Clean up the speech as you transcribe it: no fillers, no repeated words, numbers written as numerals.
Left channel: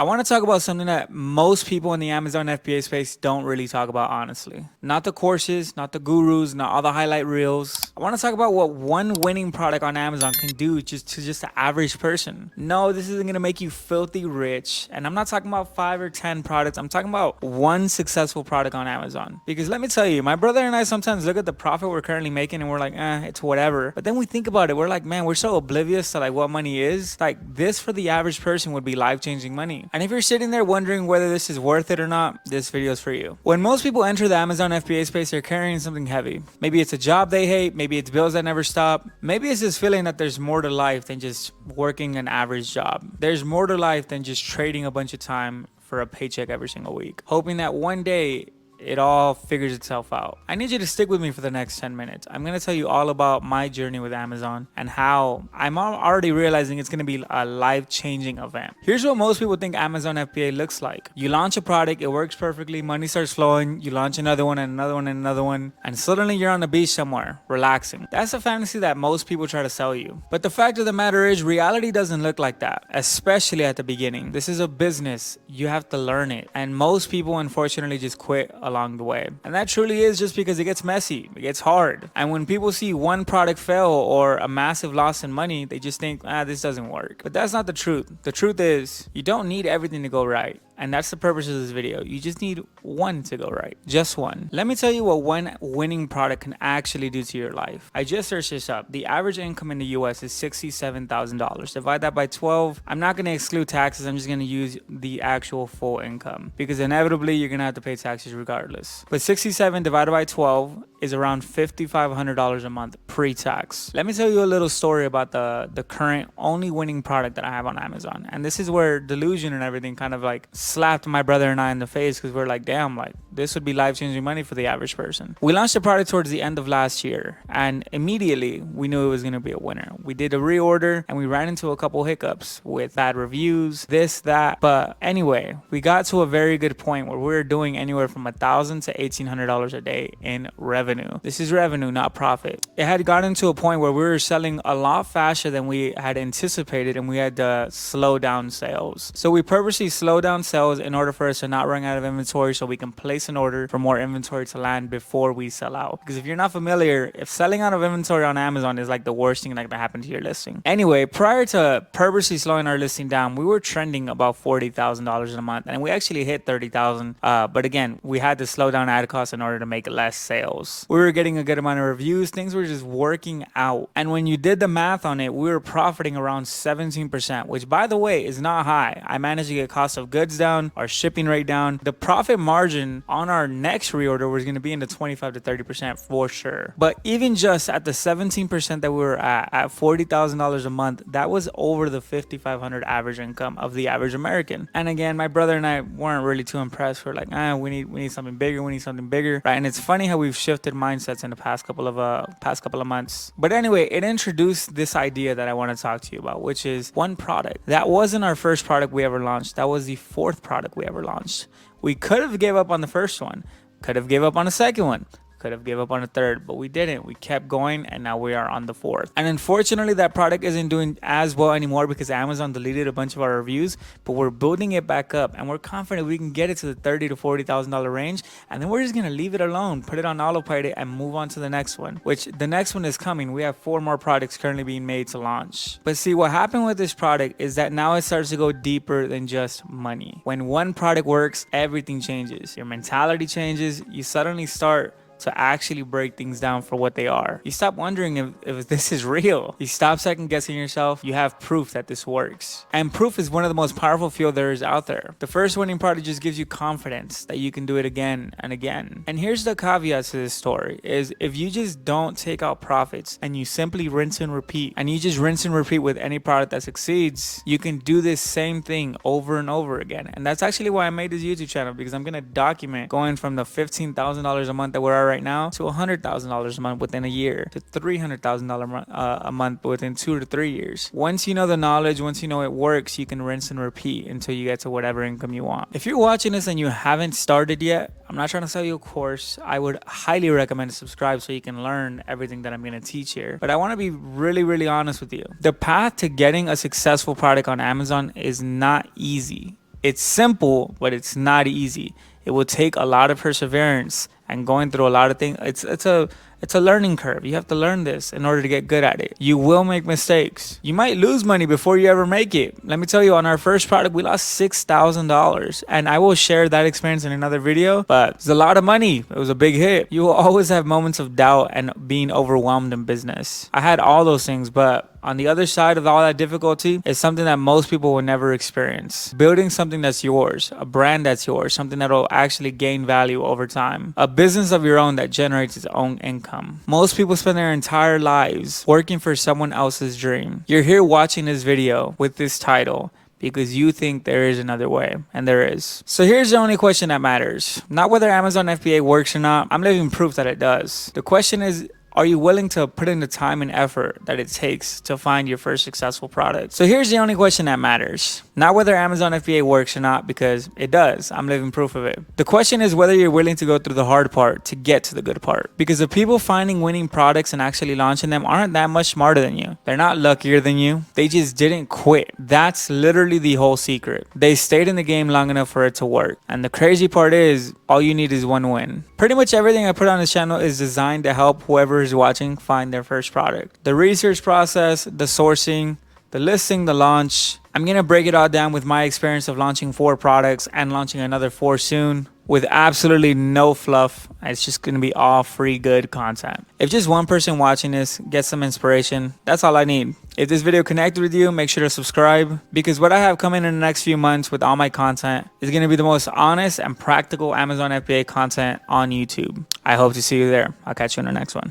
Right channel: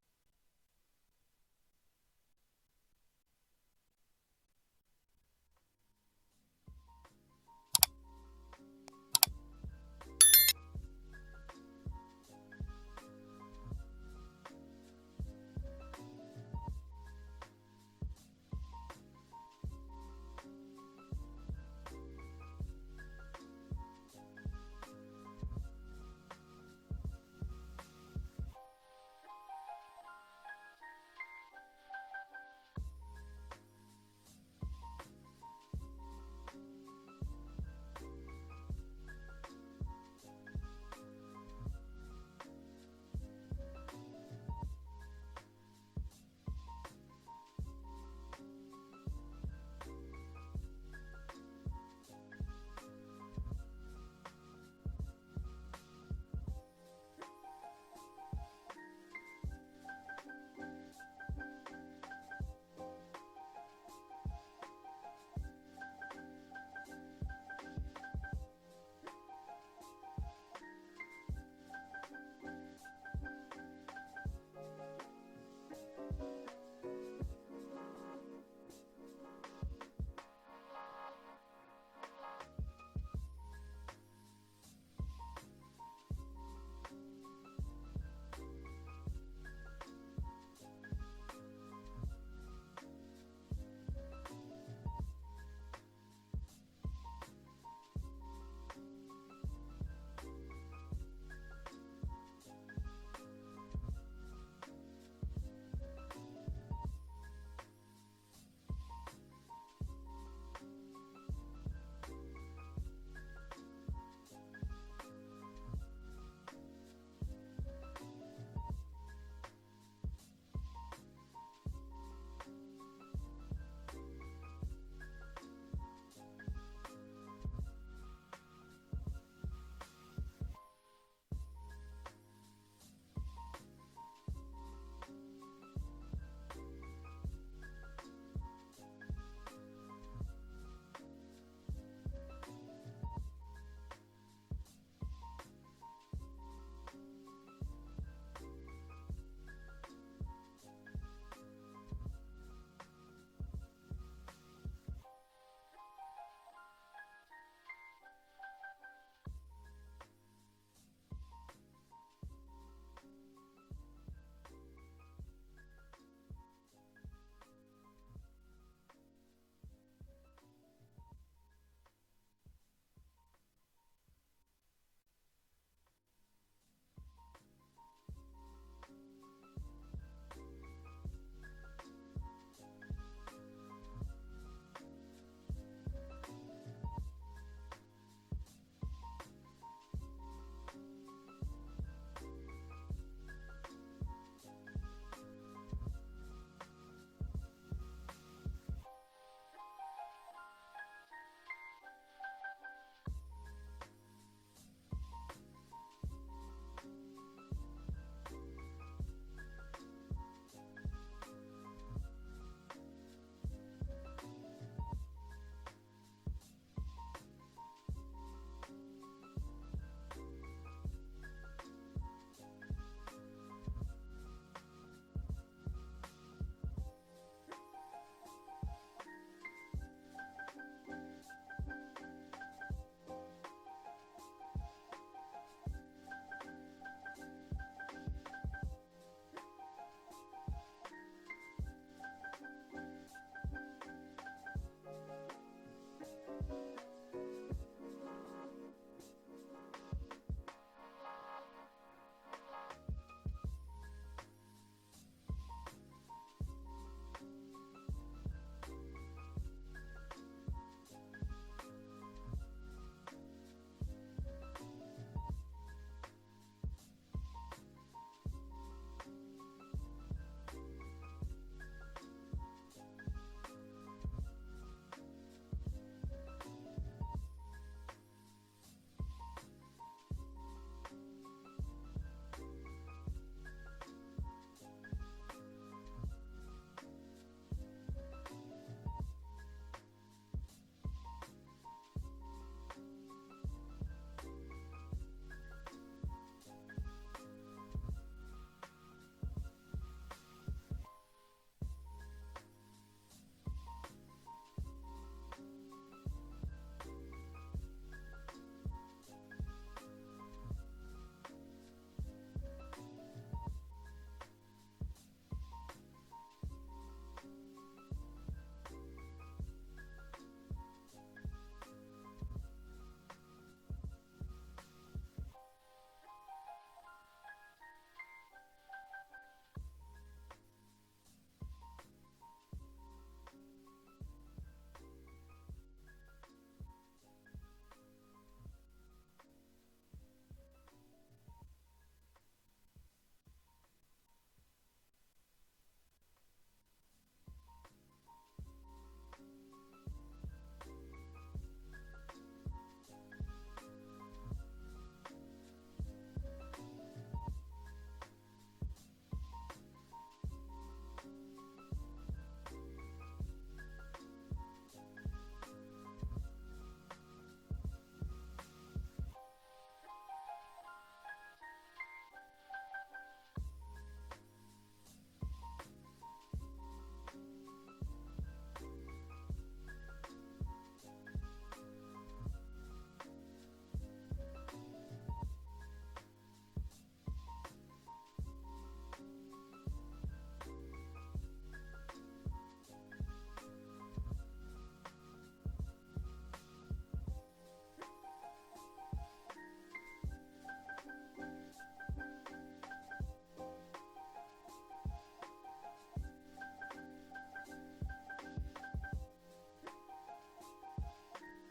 I want to talk about something that most people in the Amazon FBA space don't really talk about, honestly. Not the courses, not the gurus, not all the highlight reels. I want to talk about what one winning product on Amazon can do just the average person. No, this isn't going to make you filthy rich. And I'm not talking about 5 or 10 products. I'm talking about one successful product on Amazon. Because let me tell you, my brother and I sometimes look at the profit we're currently making and we're like, it's whatever. But then we think about it, we're like, man, we're so oblivious to like what money is. Like this for the average person would be life-changing money. And if you're sitting there wondering whether this is worth it or not, this video is for you. When most people enter the Amazon FBA space, they're carrying something heavy. Maybe it's a job they hate, maybe it's bills that never stop. Maybe it's this feeling that there's more to life than just working an average job. There's more to life than just trading a bunch of time for a paycheck every single week, hoping that one day it all figures itself out. I need you to stick with me for the next 10 minutes. I'm going to tell you all about my journey with Amazon and how I'm already realizing it's going to be a life-changing event. Here's what most people think Amazon FBA looks like. You launch a product, it works perfectly, money starts flowing, you launch another one and another one and another one, and suddenly you're on the beach somewhere, relaxing. That's a fantasy that most people try to sell you. But the fact of the matter is, reality doesn't look like that, especially at the beginning. This is a business. You have to learn it. And most people, unfortunately, just quit along the way. And that truly is just because it gets messy, it gets hard. And when people see one product fail or a massive loss in money, they just think, this doesn't work. But that's not the truth. The truth is, you don't need everything to go right. And that's the purpose of this video. You just need one to go right. Just one. Let me tell you what one winning product can actually do to your life. I just searched this up. The average income in the US is $67,000. Divide that by 12. I'm not going to exclude taxes. I'm just going to use the actual full income because inevitably you're going to have to pay taxes regardless. But 67 divided by 12 is around $5,500 a month pre-tax. Let me tell you a little story about the current only winning product that I have on Amazon. And this is where delusion and everything kind of like slapped my brother and I in the face because we're like, damn, like this would be life-changing money for the average person. We launched the product towards the end of last year and immediately we knew it was going to be a winner. We did a reorder and we ran into a couple hiccups with bad reviews, this, that. But anyway, we got to a very good point where we were doing anywhere from $1,000 to $1,800 a day in revenue. This is revenue, not profit. It had gotten to a point where we were selling a lot faster than we had anticipated and we had to slow down sales. So we purposely slowed down sales in order for us to not run out of inventory so we can place an order for more inventory to land before we sell out. Because if you're not familiar, if selling out of inventory on Amazon is like the worst thing that can happen to your listing. Anyway, prior to purposely slowing our listing down, we were trending about $40,000 a month and we actually hit 30,000. But again, we had to slow down ad costs in order to make less sales. We were getting a good amount of reviews. Things were just working out. And when you did the math on it, we were profiting around 17%, which by the way is not high. I managed to get cost of goods down, our shipping rate down. The profit margin on our next reorder was going to be in the 25 to 30% for sure. But even just at the 17% that we were at $40,000 a month, that was over the 5,500 average income of the average American. And again, my brother and I weren't really too impressed. We're like, we need something bigger. We need something bigger, right? And it's funny how we've shifted mindsets in the past couple of months. But anyway, it introduced this idea that I want to talk to you about, which is one product. That wasn't our first product we ever launched. That was the fourth product we ever launched. We could have gave up on the first one, could have gave up on the second one, could have gave up on the third, but we didn't. We kept going and now we are on the fourth. And unfortunately, that product isn't doing as well anymore because Amazon deleted a bunch of our reviews, but we're building it back up and we're confident we can get it to the $30,000 to $40,000 range. And then we're just going to leave it alone, put it on autopilot and move on to the next one, which the next one is coming. We have 4 more products currently being made to launch. But see, what happened with this product is that now it starts to go deeper than just money. When one product works, everything changes. Your mentality changes. You suddenly start to actually break things down for what they are. You stop wondering if this is real. You stop second guessing yourself. You have proof that this works. And proof is one of the most powerful fuel there is out there. The first winning product just gives you confidence that you can do it again and again. And here's the caveat to this story is if you just don't take out profits and you simply rinse and repeat, and you just rinse and repeat with any product that succeeds, you can do this same thing over and over again. And that's actually why I made this YouTube channel, because I'm going to document going from the $15,000 a month that we're at right now to $100,000 a month within a year, to $300,000 a month within 2 to 3 years. Once you know the knowledge, once you know it works, you can rinse and repeat until you get to whatever income you want. If you're watching this and you haven't started yet, I'm not trying to sell you a course. I would highly recommend to subscribe so you can learn everything that I'm going to teach here. But I want to be really, really honest with you. The path to getting a successful product on Amazon is not easy. It's simple, but it's not easy. It will take a lot of perseverance and going through a lot of things. It's a learning curve. You have to learn this in order to get good at it. You will make mistakes. You might lose money before you ever make it. Let me tell you, on our first product, we lost $6,000. And I will share that experience in another video, but it's a lot of money. It was a big hit. You will always have moments of doubt and being overwhelmed in business. I had all those things, but on the other side of all that difficulty is something that most people will never experience. Building something that's yours, a brand that's yours, something that will actually gain value over time, a business of your own that generates its own income. Most people spend their entire lives working for someone else's dream. You're here watching this video with this title because you think there is another way, and there is. So here's the only question that matters. Not whether Amazon FBA works or not. I'm living proof that it does. The question is, are you willing to put in the time and effort that it takes to find your first successful product? So here's the only question that matters. Not whether Amazon FBA works or not, because it does. I'm living proof of it. The question is whether you're willing to go through the hard part to get to the good part. Because the people finding winning products and actually launching them aren't that much smarter than you. They're not luckier than you. They just didn't quit. That's literally the whole secret. They stayed in the game long enough for it to work. And the crazy part is, all you need is one win. Pretty much everything I put on this channel is designed to help whoever is watching find their first product. The research process, the sourcing, the listing, the launch. I'm gonna break it all down with my experience of launching 4 products and launching another 4 soon with absolutely no fluff. It's just gonna be all free good content. If just one person watching this gets some inspiration, that's all I need. If this video connected with you, make sure to subscribe, because what I have coming in the next few months with all my content is gonna be the most honest and practical Amazon FBA content on YouTube. I hope to see you there. I'll catch you in the next one.